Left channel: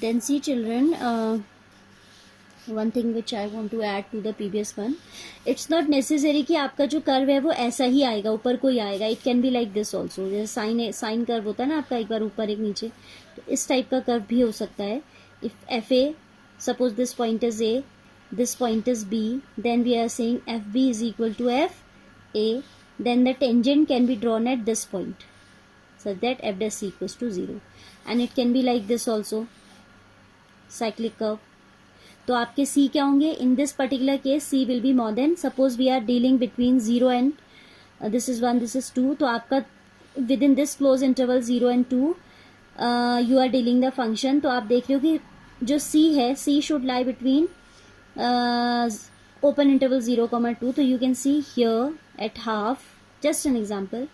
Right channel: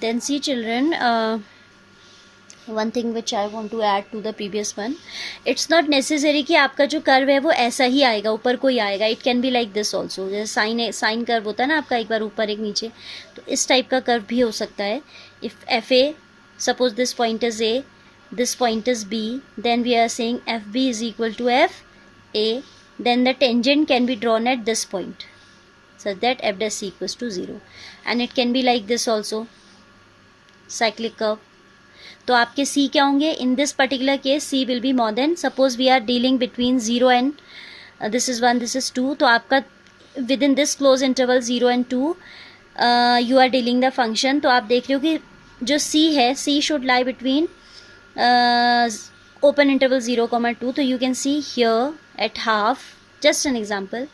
Then see children, one thing which I want to add to the previous one, it's not necessary कि आपका जो कर्व है वो ऐसा ही आएगा, ऊपर कोई आएगा. It can be like this also. जैसे साइन कर्व होता है ना आपका, एक बार ऊपर एक नीचे, तो इस टाइप का कर्व भी हो सकता है. If F A, suppose this point is a, this point is B, then we are saying FB is equal to FA, then the tangent can be drawn at this point such that F dash C equals to 0, and it can be like this also, cyclic curve. तो आपके C क्या होंगे? In this particular case C will be more than, suppose we are dealing between 0 and this is 1, this is 2, तो आपका within this close interval 0 and 2 you are dealing the function. तो आप देख रहे हो कि जो C है, C should lie between open interval 0, 2. So you can see here at half, just an example,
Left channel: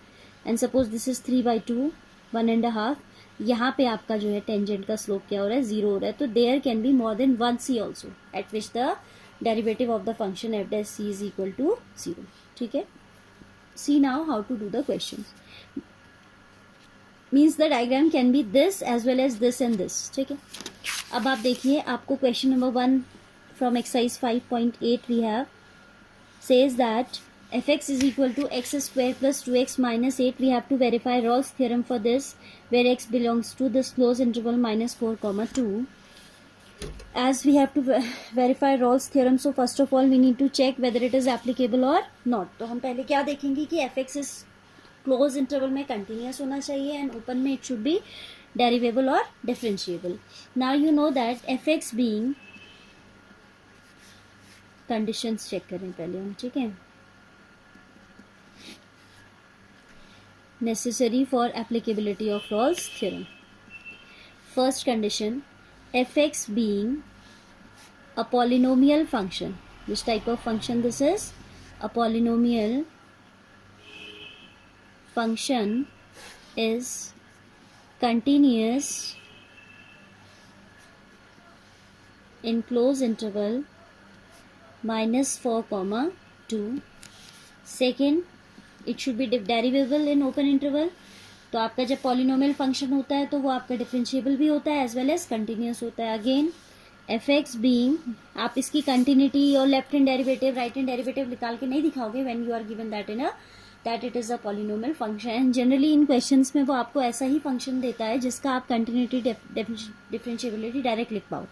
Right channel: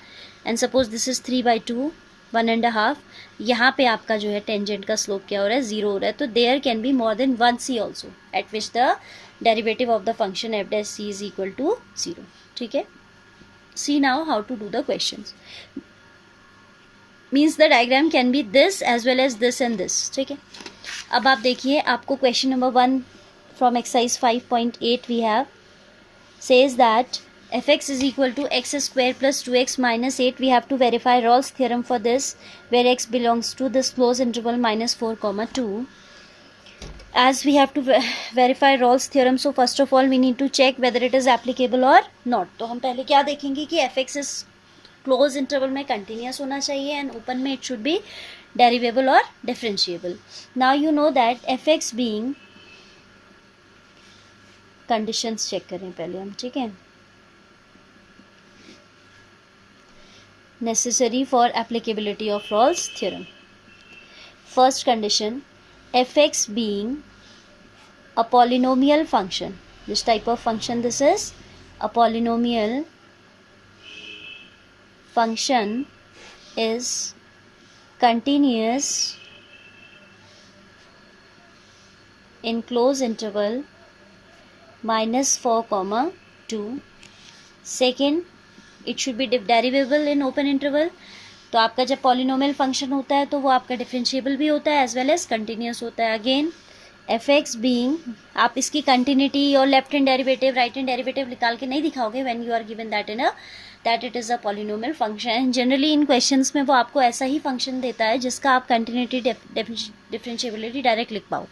and suppose this is 3/2, 1.5. यहाँ पे आपका जो है टेंजेंट का स्लोप क्या हो रहा है? 0 हो रहा है. तो there can be more than 1 C also at which the derivative of the function F dash C is equal to 0. ठीक है. See now how to do the question. Means the diagram can be this as well as this and this. ठीक है. अब आप देखिए, आपको question number 1 from exercise 5.8 we have says that fx is equal to x square plus 2x minus 8. We have to verify Rolle's theorem for this, where x belongs to this closed interval minus 4, 2. As we have to verify Rolle's theorem, so first of all we need to check whether it is applicable or not. तो हम पहले क्या देखेंगे कि fx is closed interval में continuous होना चाहिए and open में it should be derivable or differentiable. Now you know that fx being, conditions check करें पहले हम. ठीक है. Necessary for applicability of Rolle's theorem. First condition, f x being a polynomial function. This type of function, this is a polynomial function is continuous in close interval -4, 2. Second, it should be derivable in open interval. तो आपका जब polynomial function होता है तो वो आपका डिफरेंशिएबल भी होता है एज वेल एज कंटिन्यूस होता है. अगेन एफ एक्स बीइंग, आप इसकी कंटिन्यूटी और left hand derivative, right hand derivative निकाल के नहीं दिखाओगे when you are given that in that it is a polynomial function. And generally in questions में वो आपको ऐसा ही फंक्शन देता है जिसका आप कंटिन्यूटी, डिफरेंशिएबिलिटी डायरेक्ट लिख पाओ.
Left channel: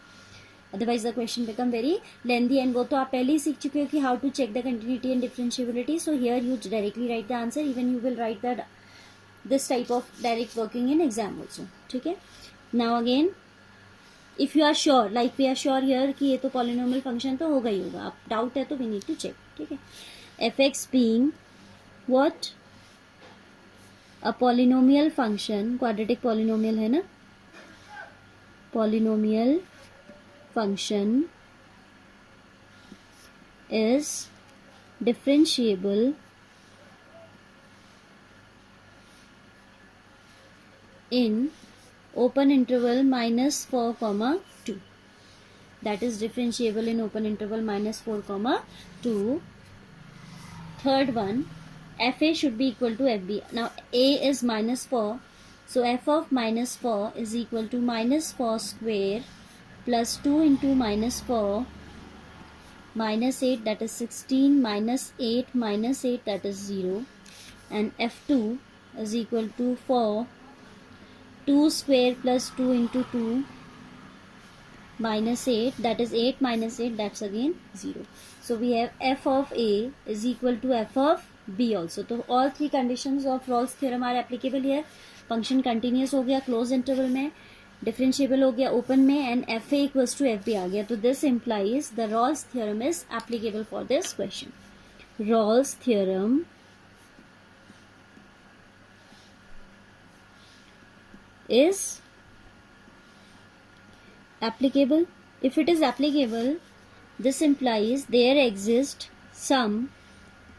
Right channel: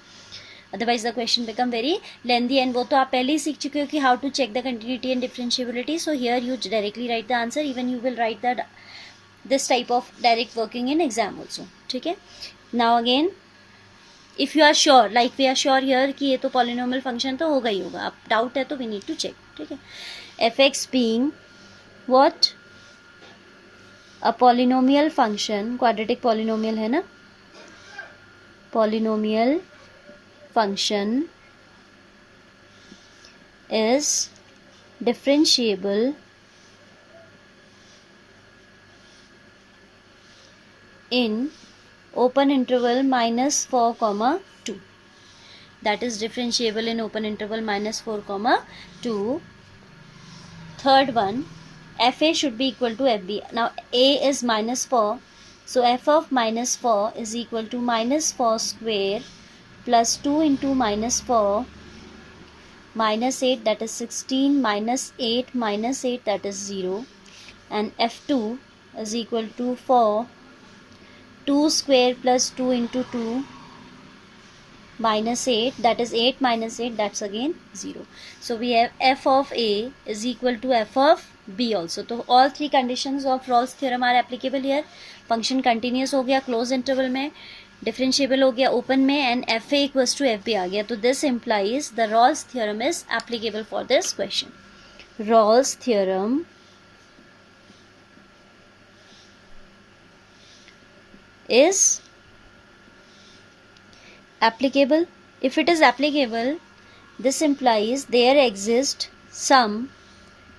Otherwise the question become very lengthy, and वो तो आप पहले ही सीख चुके हो कि how to check the continuity and differentiability. So here you directly write the answer. Even you will write that this type of direct working in exam also. ठीक है. Now again, if you are sure, like we are sure here कि ये तो polynomial function तो होगा ही होगा. आप doubt है तो we need to check. ठीक है. fx being what? A polynomial function, quadratic polynomial है ना, polynomial function is differentiable in open interval -4, 2. That is differentiable in open interval -4, 2. Third one, fa should be equal to fb. Now a is -4, so f of -4 is equal to -4 square plus 2 into -4 -8, that is 16, -8 -8, that is 0, and f2 is equal to 4, 2 square plus 2 into 2 -8, that is 8 -8, that's again 0. So we have f of a is equal to f of b also. तो all three conditions of Rolle's theorem are applicable here. Function continuous हो गया close interval में, डिफरेंशिएबल हो गया open में, and F A equals to F B आ गया. तो this implies the Rolle's theorem is applicable for this question. Rolle's theorem is applicable. If it is applicable, this implies there exists some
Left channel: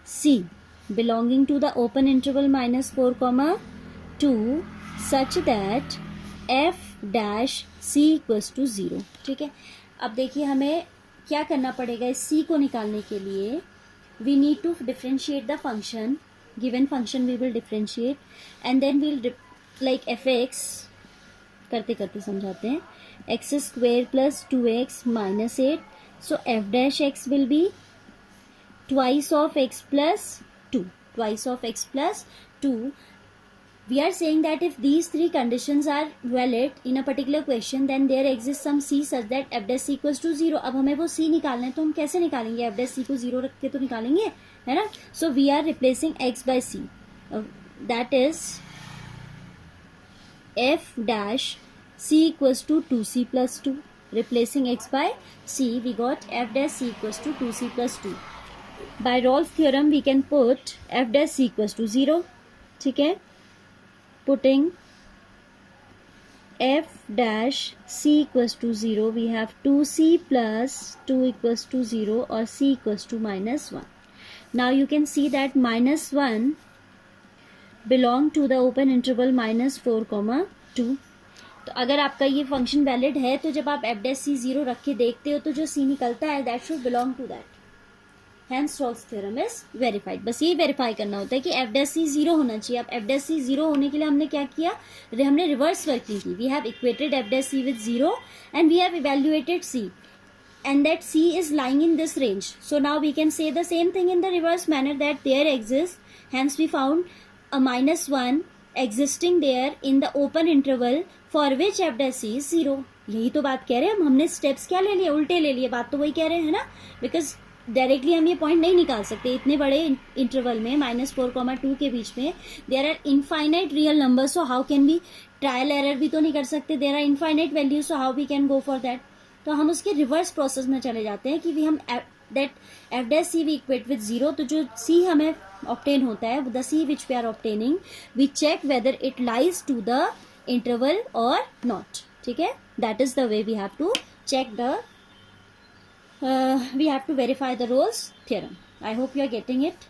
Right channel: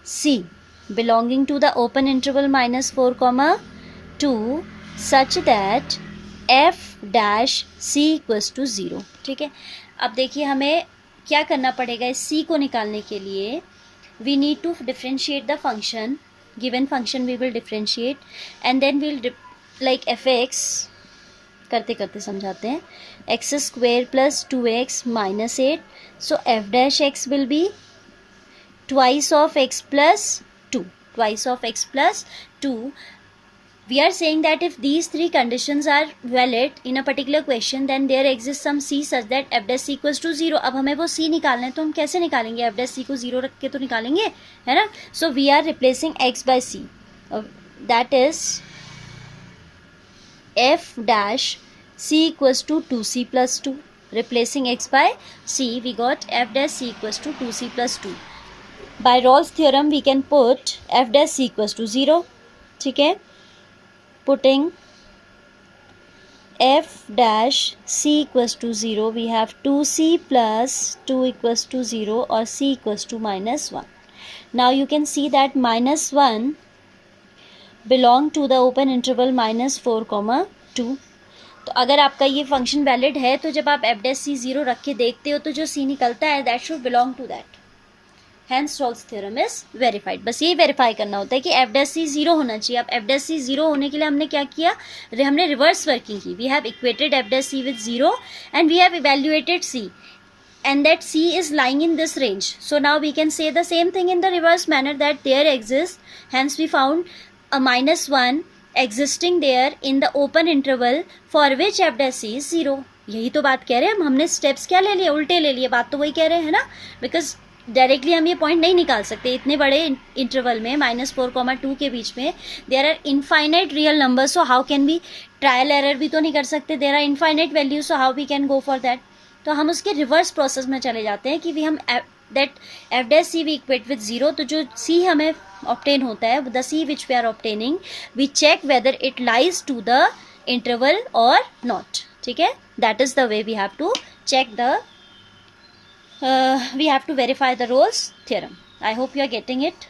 c belonging to the open interval -4, 2 such that f dash c equals to 0. ठीक है. अब देखिए हमें क्या करना पड़ेगा इस c को निकालने के लिए. We need to differentiate the function. Given function we will differentiate, and then we'll like fx करते करते समझाते हैं. X square plus 2x minus 8. So F dash x will be twice of x plus 2. Twice of x plus 2. We are saying that if these three conditions are valid in a particular question, then there exists some c such that f dash c equals to 0. अब हमें वो c निकालना है, तो हम कैसे निकालेंगे? f dash c को 0 रख के तो निकालेंगे, है ना. So we are replacing x by c. That is f dash c equals to 2c plus 2. Replacing x by c, we got f dash c equals to 2c plus 2. By Rolle's theorem we can put f dash c equals to 0. ठीक है. Putting f dash c equals to 0, we have 2c plus 2 equals to 0 or c equals to minus 1. Now you can see that minus 1 belong to the open interval minus 4, 2. तो अगर आपका ये function valid है तो जब आप f dash c 0 रख के देखते हो तो जो c निकलता है that should belong to that. Hence Rolle's theorem is verified. बस यही वेरीफाई करना होता है कि एफ डैश सी 0 होना चाहिए. अब एफ डैश सी 0 होने के लिए हमने क्या किया? हमने रिवर्स वर्किंग की. We have equated f dash c with 0 and we have evaluated c and that c is lying in this range. So now we can say the same thing in the reverse manner that there exist. Hence we found a -1 existing there in the open interval for which f dash c is 0. यही तो बात कह रहे हैं हम. हमने स्टेप्स क्या ले लिए? उल्टे ले लिए. बात तो वही कह रहे हैं ना. बिकॉज डायरेक्टली हम ये पॉइंट नहीं निकाल सकते. इतने बड़े इंटरवल में -4, 2 के बीच में there are infinite real number. So how can be trial error भी तो नहीं कर सकते. There are infinite value. So how we can go for that. तो हम उसके रिवर्स प्रोसेस में चले जाते हैं कि वी हम that f dash c we equate with 0. तो जो सी हमें ऑब्टेन होता है, the c which we are obtaining, we check whether it lies to the interval और नॉट. ठीक है. That is the way we have to check the we have to verify the Rolle's theorem. I hope you are getting it.